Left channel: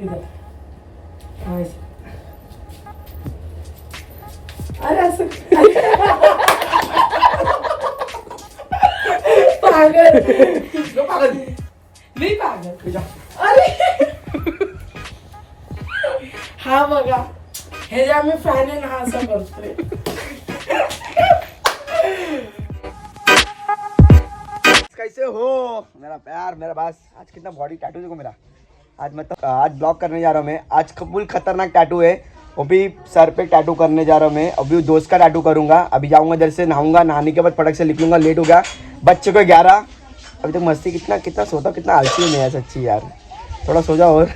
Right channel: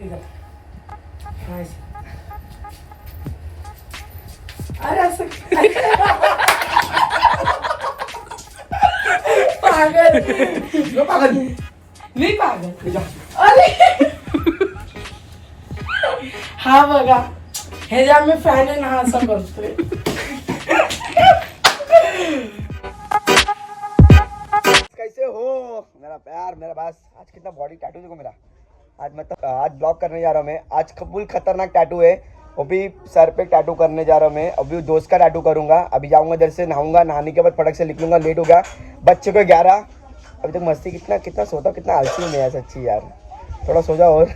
इधर हाँ अरे असं पागल पागल नाही पागल तुझ्या अरे हा बघा हे जे आम्ही फॅन आहे ना हा असं करतोय कैसे हो मेरा प्यार मेरा बास। आज कितना बॉडी टैटू देखो मेरा। आज मतलब आज ब्लॉग करने जा रहा हूँ मैं। आज फुल खतरनाक टैटू है। अभी सर पे टैटू करने जा रहा हूँ मैं। अभी दोस्त का टैटू करूंगा। अभी जाऊंगा इधर से, नहाऊंगा, नहाने के बाद फटक से लिख लूंगा। लेट हो गया बच्चे को 11। अभी तक मस्ती कितना कितना सोता कितना आलसी हूँ मैं यार, सच्ची यार। थोड़ा सो जाओ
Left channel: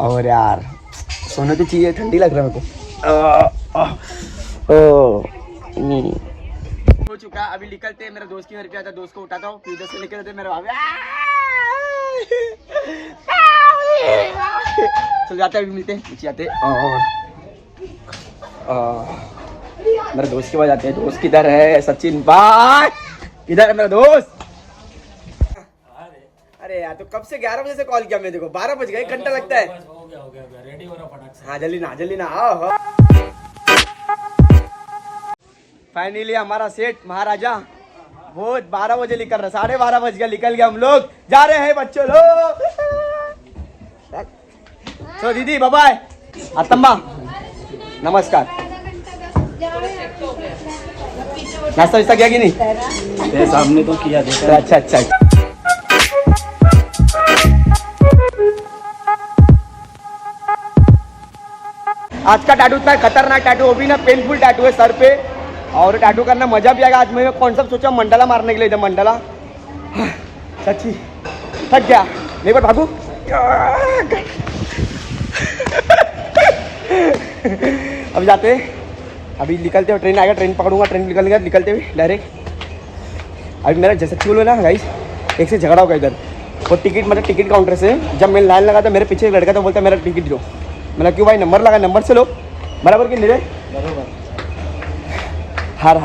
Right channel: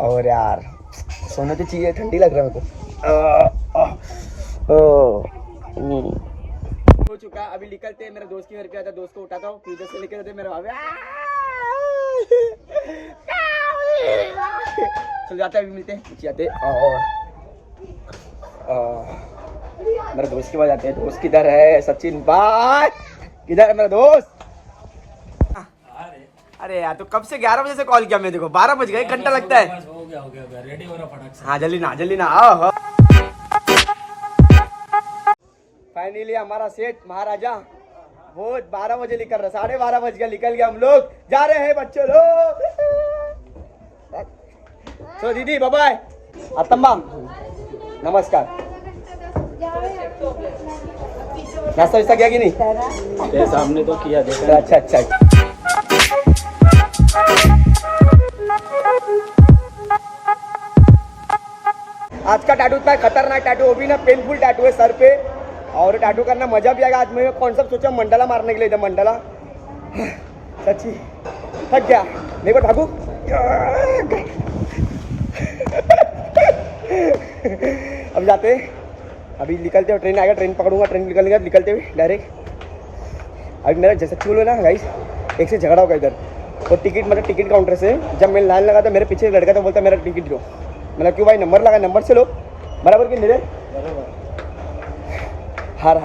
और यार सोने तो चाहिए, ठंडी लग रहा है मेरे को। हो चुका। अभी निकलते हैं, मेरे दोस्त के घर पे आता, दोस्त को उठाता हूँ, फिर उधर से निकलते मेरे भाभी चल जाते हैं। अभी मिलते हैं, नीचे आते मेरे दोस्त के पास जाते हैं। दोस्त किधर है? सचिन भाई किधर है मेरा दोस्त? अरे यार तो कब से 11 बजे से कॉल किया मैं, देखो 12 बज गए, 1 घंटा लगता है। हो गया रेडी हो रहा फटाक से। हाँ जल्दी ना आओ। फाइनली हमारा सेठ महाराजा बहुत 12 बजे निकल रहा, 12:30 बज गया, निकल गया। हम लोग जा रहे हैं बच्चों लोग। तो दीदी बाय बाय। अतम्बा नमस्कार। नाश्ता वास्ता किया कि नहीं? तेरे सामने तो किया देखा। अच्छा आज का टैटू इतना खतरनाक टैटू, वो भी ना पेनफुल टैटू है सर पे। और टैटू करना मजा भी आएगा। आज मैं कॉन्सेप्ट सोचा मंडला मारने के लिए, इधर मंडला। सच्ची थक गया, नहीं पर भागू। अब जाते, अभी निकलते हो, ट्रेन आएगा, ट्रेन पकड़ूंगा, ट्रेन निकलते हुए डायरेक्ट। अभी मेरा जैसा बोलो ना गाइस, एक से झगड़ा होगा इधर। वो टिकट मतलब टिकट काउंटर से जब मैं लाइन लगा था, मेरे पीछे एक लड़का था, बोलता मेरा टिकट दो। मैंने क्यों भाई, नंबर लगा, नंबर से लो। बराबर कि नहीं रे? बराबर। हार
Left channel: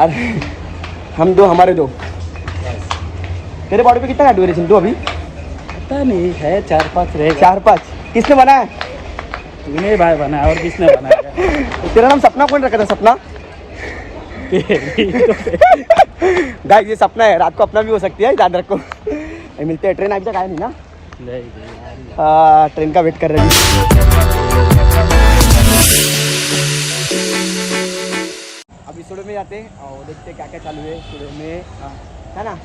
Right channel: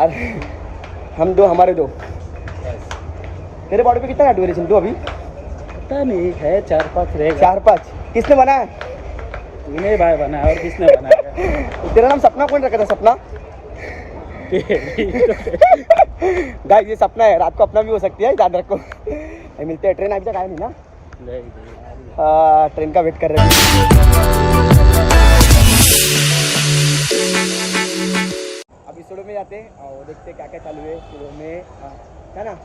हम दो, हमारे दो। तेरे बॉडी पे कितना टैटू है चिंटू? अभी पता नहीं है, 4-5 रहेगा। 4-5। किसने बनाया? तूने भाई बनाया, और किसने बनाया? तेरा नाम सपना कौन रखा था? सपना गाइस ये सपना है, रात को अपना भी हो सकती है, याद रखो। मिलते हैं, ट्रेन अभी तक आया नहीं ना? नहीं, ट्रेन का वेट कर रहे हैं। अभी स्टूडियो में जाते हैं और देखते हैं क्या क्या चालू है स्टूडियो में, है ना?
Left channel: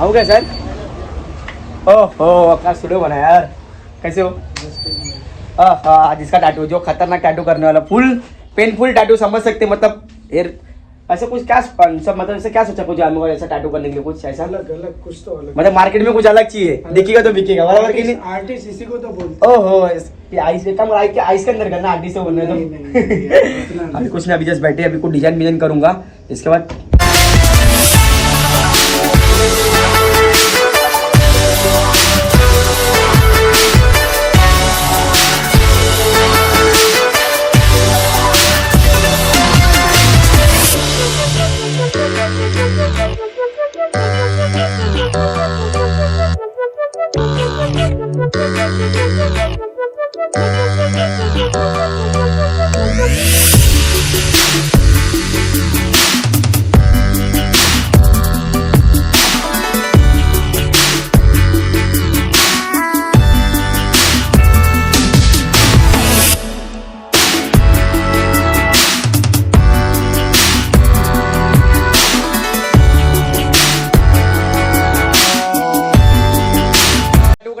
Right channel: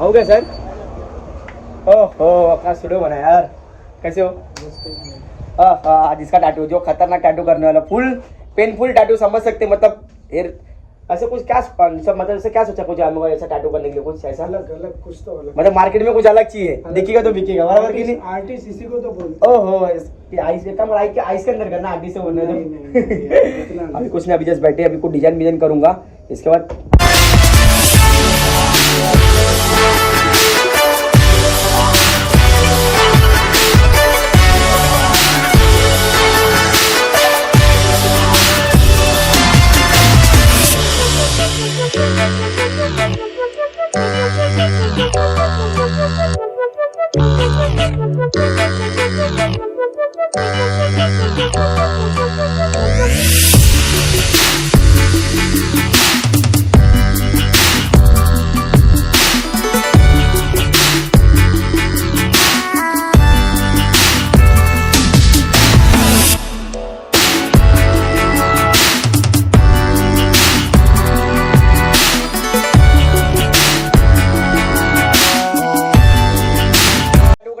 आओ क्या सर? ओहो अपना स्टूडियो बना यार, कैसे हो? जिसका टैटू, जो खतरनाक टैटू करने वाला, फुल पेनफुल टैटू समझ सकते, मतलब ऐसा कुछ क्या सब, मतलब ऐसा क्या सोचा कुछ जानवर ऐसा टैटू करने के लिए? कुछ ऐसा अलग कुछ तो अलग, मतलब मार्केट में कुछ अलग चाहिए, दिखेगा तो बिकेगा, बराबर कि नहीं? आर्टिस्ट इसी को तो बोलते। ओहो आइस के अंदर करना, आर्टिस्ट से बोलने दो। अभी कुछ नहीं, अभी जस्ट बैठे, अभी कुछ डिजाइन करूंगा, इसके बाद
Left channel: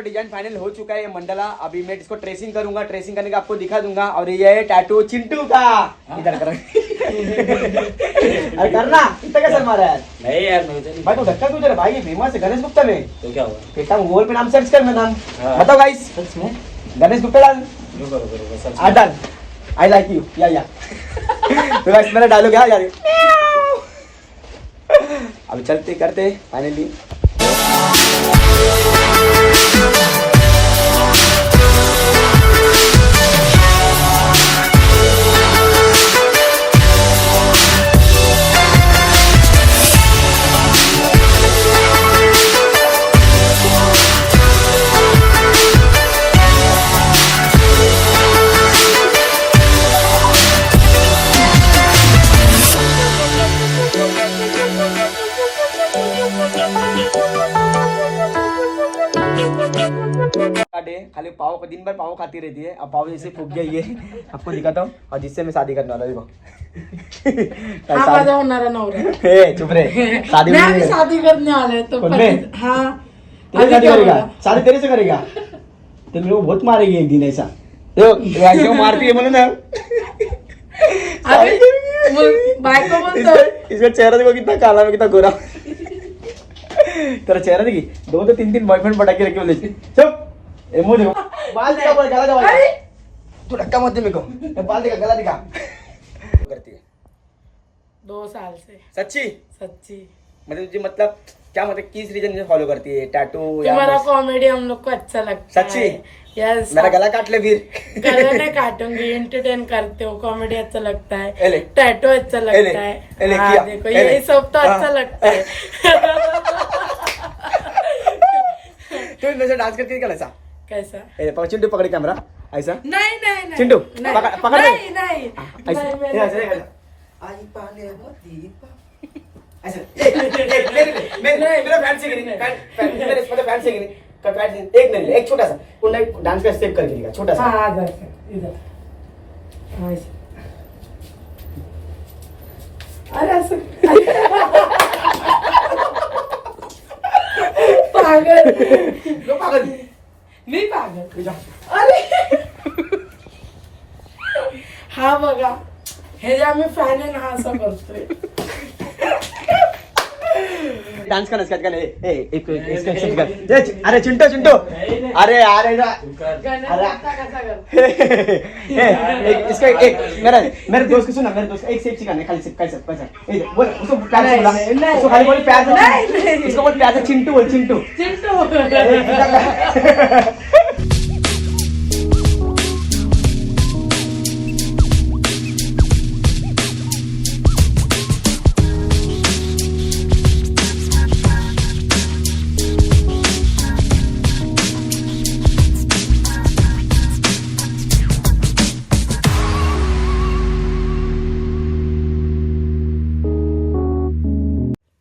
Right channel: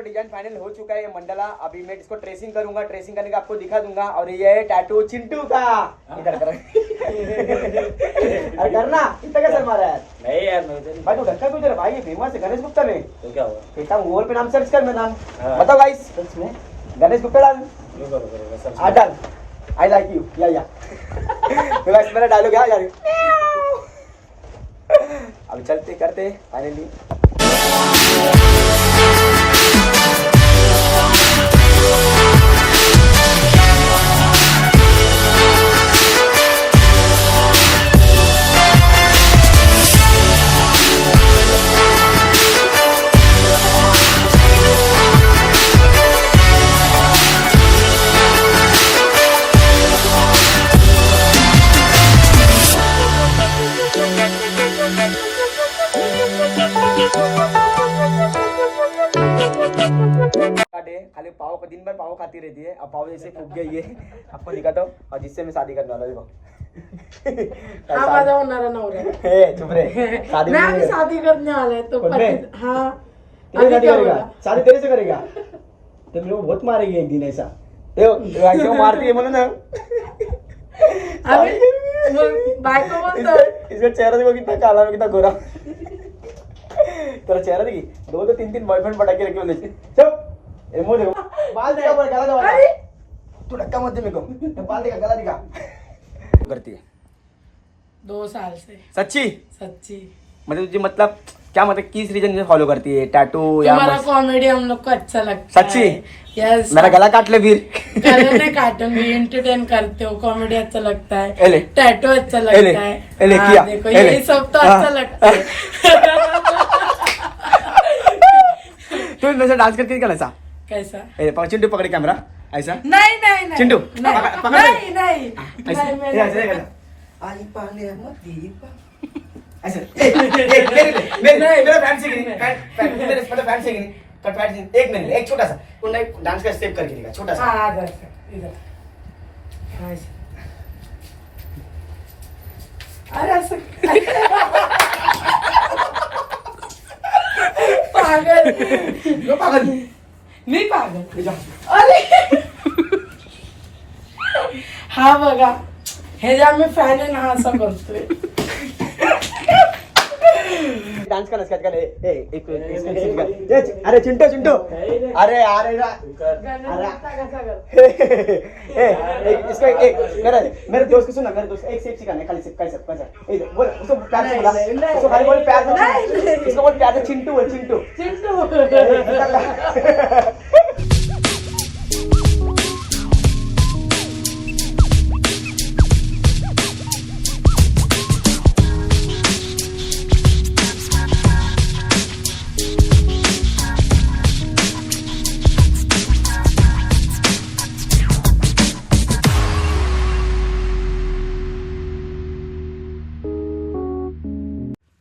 डिजाइन फाइनल हो चुका है ये मंडला। अभी मैं इसको ट्रेसिंग करूंगा, ट्रेसिंग करने का आपको दिखा दूंगा। और ये है टैटू चिंटू का। इधर कर अरे करना, कितना कैसे मारा है? नहीं यार भाई तो धक्का क्यों दे रहा भाई? ये फेमस है गणेश गुप्ता में। तो क्या हुआ? बेटा गूगल पे नाम सर्च कर, मैं नाम बताओ गाइस, सच में गणेश गुप्ता डाल, रुको आ डाल, आई लाइक यू या तो गाइस मेरा डायलॉग है यार। अब चलते करते फाइनली। खाली पाव दिन भर पाव खाती रहती है। अब पाव जैसे फूक गई है, आपको दिखाता हूँ। और जिससे मैं शादी करने वाला हूँ, देखो। हा माझा होणारा नवरा आहे. चुप रे, शादी नाही आम्ही शादी करने वाले हैं तो कौन में? हाँ तेरे अभी शादी क्या करेगा? बोला? शादी तेरे से करेगा? तो मेरे को बहुत मारेगी एक दिन ऐसा। ऐसा मारती है मैंने ना। अभी बायको बोलतो इसका चेहरा देखो कितना काला है, कितना गोरा। तेरा चेहरा देखी, 2 तो 3 बॉयफ्रेंड पटा के रखे बोले चुप। एमो देखो, बाल दिखा, पर गला दबा। तू धक्का मत दे मेरे को, बाल दिखा, गला दिखा। करती है 2 साल से सच्ची? सच्ची. मतलब तुझे मतलब क्या, मतलब किस रीजन से फॉलो करती है? टैटू या तुम्हारा बस? कॉमेडी हम लोग को अच्छा लगता है. सच्ची? यस. मेरा गला काट ले फिर। गले नहीं काटूंगी, एंटरटेन करते हो, कॉमेडी अच्छा लगता है, एले टैटू अच्छा एले, लगता है. एले हाँ, किया, देखो एले. यही सब तो अच्छा हाँ. लगता है. तू वैसे डांस करती है क्या ऐसा? कैसा? चिंटू पकड़े कैमरा ऐसा। नहीं नहीं नहीं. चिंटू, नहीं पकड़ ले. नहीं नहीं. ऐसे नहीं, मैं ऐसे नहीं. ऐसे. आई पाले दीपा ऐसे. मेरे फैन से मेरे फैन से एक मिनट, एक छोटा सा डांस का स्टेप करके दिखा, छोटा सा. हाँ इधर इधर. हाँ, ऐसे. अरे असं पागल. यो पागल. मी पागल. अरे हा बघा, हे जे आम्ही फॅन आहे ना, हा असं करतोय. डांस करना स्केच कर. एक स्केच कर. अरे चिंटू चिंटू, अरे अरे ना, गणेशचा कसा कर. इसका एक मेरे दोस्त को सुना, मेरे दोस्त एक स्टेप सिखाने, खाली स्टेप कैसे कैसे बोल उसको, प्यार से बोला उसको, खाली बोल प्यार से, इसको बोल प्यार से चिंटू बोल, Chintu. Chintu.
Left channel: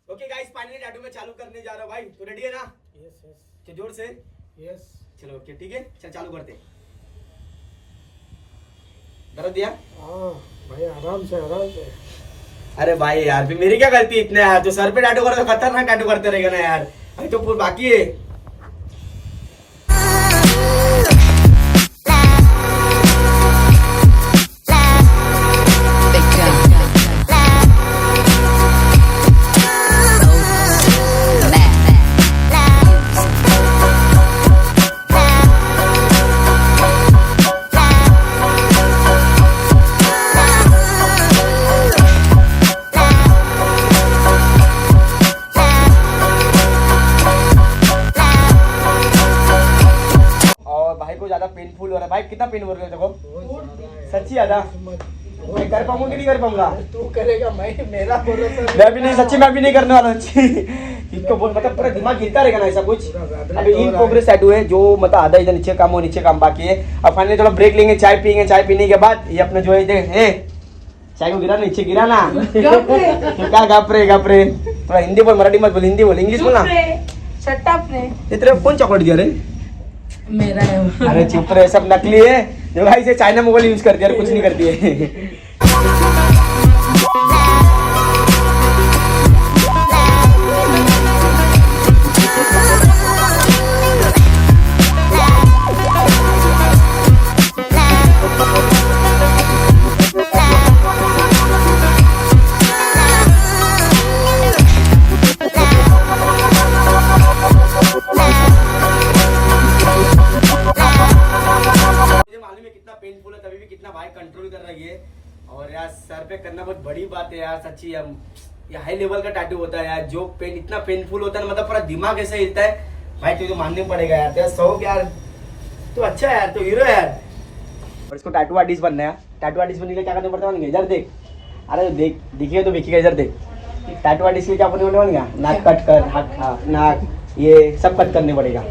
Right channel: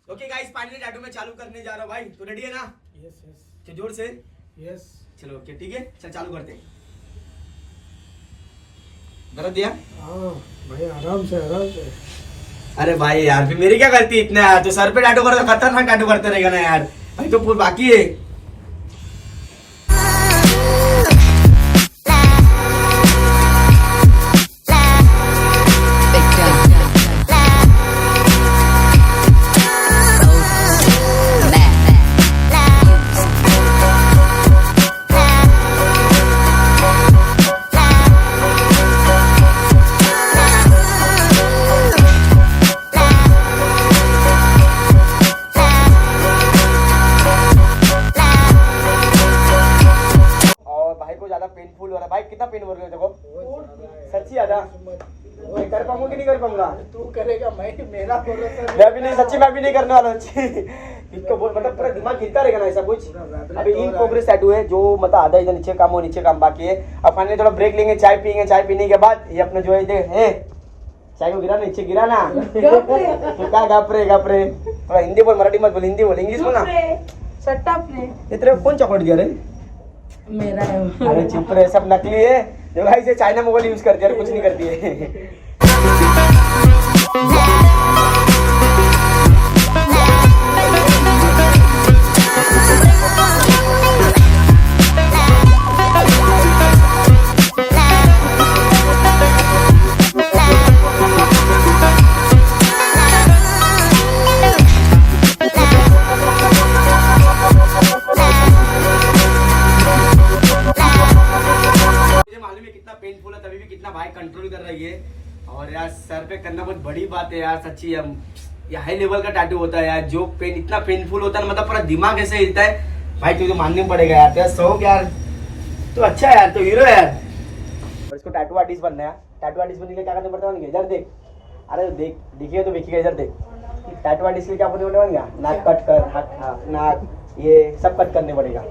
Okay guys, finally tattoo में चालू करने जा रहा हूँ भाई. तो रेडी है ना? यस यस चल जोर से. यस. चलो ओके ठीक है, चल चालू करते. दर्द दिया? हाँ भाई, आराम से आराम से. अरे भाई यार, फिर मेरी क्या गलती इतना यार? तो सर पे टैटू करो तो खतरनाक टैटू करते रहेगा ना यार. भाई तो पूरा बाकी है. पेनफुल हो रहा है भाई. कितना पेन हो रहा है देखो. सच्ची ज्यादा. मैं कर पाऊंगा कि नहीं कर पाऊंगा? तू करेगा, मैं मेरा भरोसा. मैं भी नहीं, सच्ची मैं भी नहीं करने वाला. सच्ची इनको बहुत मतलब पूरा दिमाग हिलता रहेगा ना ऐसा कुछ. अभी इन प्रोग्रेस टैटू है, जो मतलब आधा इधर नीचे काम हो, नीचे काम बाकी है. अब फाइनली थोड़ा ब्रेक लेंगे, चाय पियेंगे. चाय पीने के बाद ये अपने जो है चाय को गिरा, नीचे गिरा ना. क्या गप रे. थोड़ा हिंदी बोल, मराठी मत बोल, हिंदी बोल, इंग्लिश बोल ना. शटअप ने. ये तेरे कौन चॉकलेट दिया रे? मेरा है. अरे चुप रहे, सब नकली है. जो भाई से चाइना मोबाइल यूज करती है, कुछ नहीं करती है. पेनफुल है तभी भी कितना भाई कंट्रोल कर रही है. और यार सर पे करना बहुत बड़ी बात है यार, सच्ची. हम ये हाई लेवल का टैटू होता है यार, जो पेन इतना पेनफुल होता है, मतलब पूरा दिमाग ऐसे हिलता है भाई. तुझे मानने पड़ेगा यार, तेरा शौक यार. तो अच्छा है यार, तो हीरो है यार. और इसको टैटू आर्टिस्ट बनना है. टैटू आर्टिस्ट बनने के लिए क्या करना पड़ता है? इधर देख. अरे देख, दिखिए तो देखिएगा, इधर देख. टैटू आर्टिस्ट के लिए क्या बनने वाला? नाक कट कर, हाथ, नाक, ये सब कट करने पड़ेगा.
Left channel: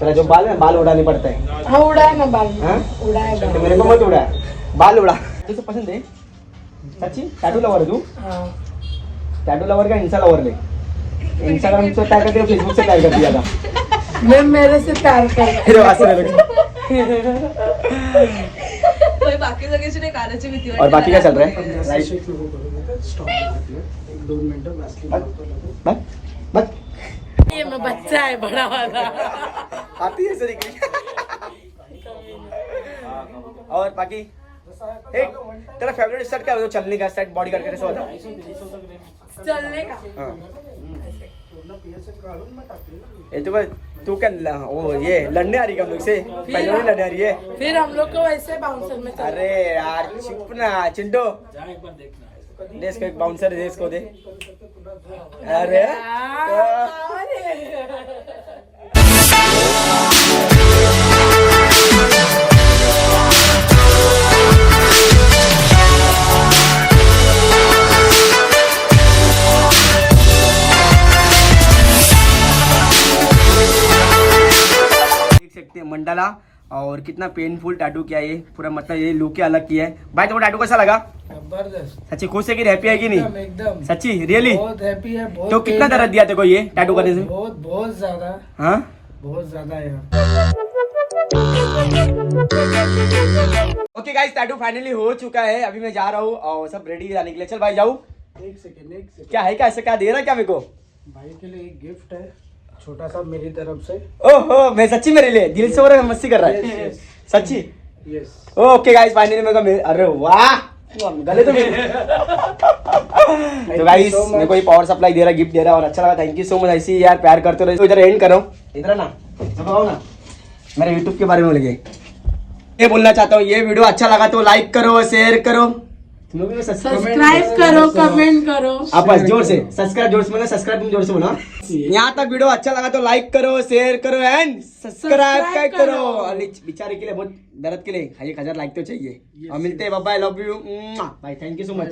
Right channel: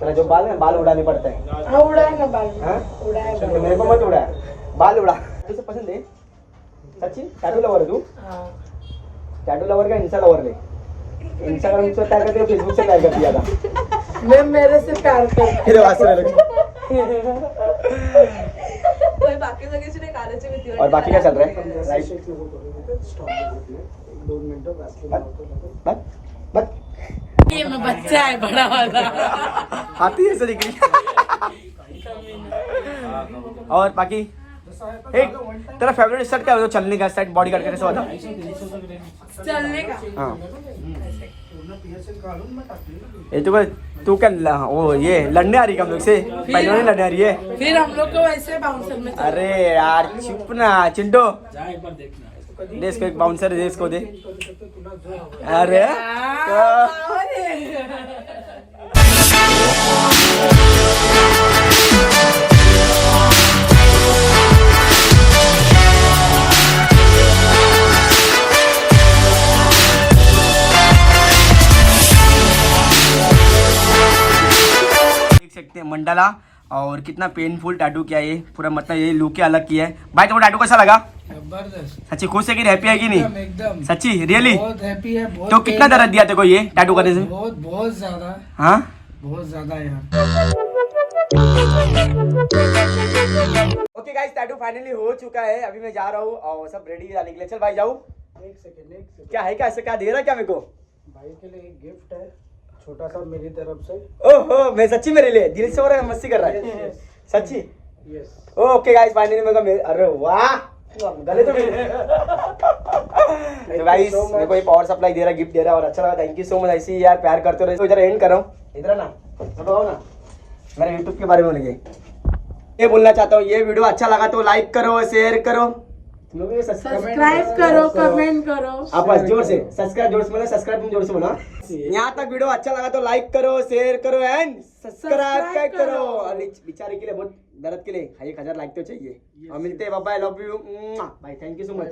तेरा जो बाल है, बाल उड़ाने पड़ता है. हाँ उड़ाए ना बाल. हाँ? उड़ाए तो बाल. मेरे को मत उड़ा, बाल उड़ा. तुझे पसंद है सच्ची? टैटू लवर तू? हाँ. टैटू लवर का इंस्टा लवर ले. इंस्टाग्राम से टैग करके फेसबुक से टैग कर दिया था. मैं मेरे से प्यार करते अरे वाह, बाकी सगळ्याची नाही काराची भीती और बाकी क्या चल रहा है? बस बस ये मैं बच्चा है बड़ा वाला। आती है ऐसे दिख रही। और बाकी तेरा फेवरेट सेट क्या है? चलने का सेट, बॉडी गार्ड का कैसा होता? चलने का हाँ ये तू क्या वो ये लड़ने आ रही है हम लोग से? पहले नहीं लड़ने आ रही है? फिर हम लोग को वैसे बाउंसर में चलना। अरे यार चुप ना चिंटू, दे इसको एक बाउंसर दे इसको दे। अरे देख सकते हैं मंडाला, और कितना पेनफुल टैटू किया है ये पूरा, मतलब ये लुक के अलग किया है। भाई तुमको टैटू कैसा लगा? जबरदस्त सच्ची खुश है कि हैप्पी है कि नहीं? एकदम सच्ची रियली? बहुत हैप्पी है। बहुत तो कितना दर्द दिया तेरे को ये टैटू करने से? बहुत बहुत ज्यादा, हाँ बहुत ज्यादा यार। ओके गाइस, टैटू फाइनली हो चुका है। अभी मैं जा रहा हूँ और सब रेडी जाने के लिए। चल भाई जाऊँ। एक सेकंड क्या है, क्या ऐसा क्या दे रहा क्या मेरे को? भाई के लिए एक गिफ्ट है छोटा सा मेरी तरफ से। ओहो, मैं सच्ची मेरे लिए दिल से हो रहा है, मस्ती कर रहा है? Yes, सच्ची? यस ओके गाइस, फाइनली मेरे को अरे वाह गले तो तो गाइस मेरे को ये पावर सप्लाई दे रहा, गिफ्ट दे रहा, और अच्छा लगा। Thank you so much. ऐसी यार प्यार करते रहो। तो इधर एंड करो, इधर ना बताओ ना मेरे यूट्यूब के बारे में बोलेंगे। ये बोलना चाहता हूँ, ये वीडियो अच्छा लगा तो लाइक करो, शेयर करो, सब्सक्राइब करो, कमेंट करो। आप बस जोर से सब्सक्राइब, जोर से बोला सब्सक्राइब, तुम जोर से बोला। यहाँ तक वीडियो अच्छा लगा तो लाइक करो, शेयर करो एंड सब्सक्राइब करो। और बेचारे के लिए बहुत दर्द के लिए 1000 लाइक तो चाहिए। और मिलते हैं, बाय बाय, लव यू भाई, थैंक यू सो मच।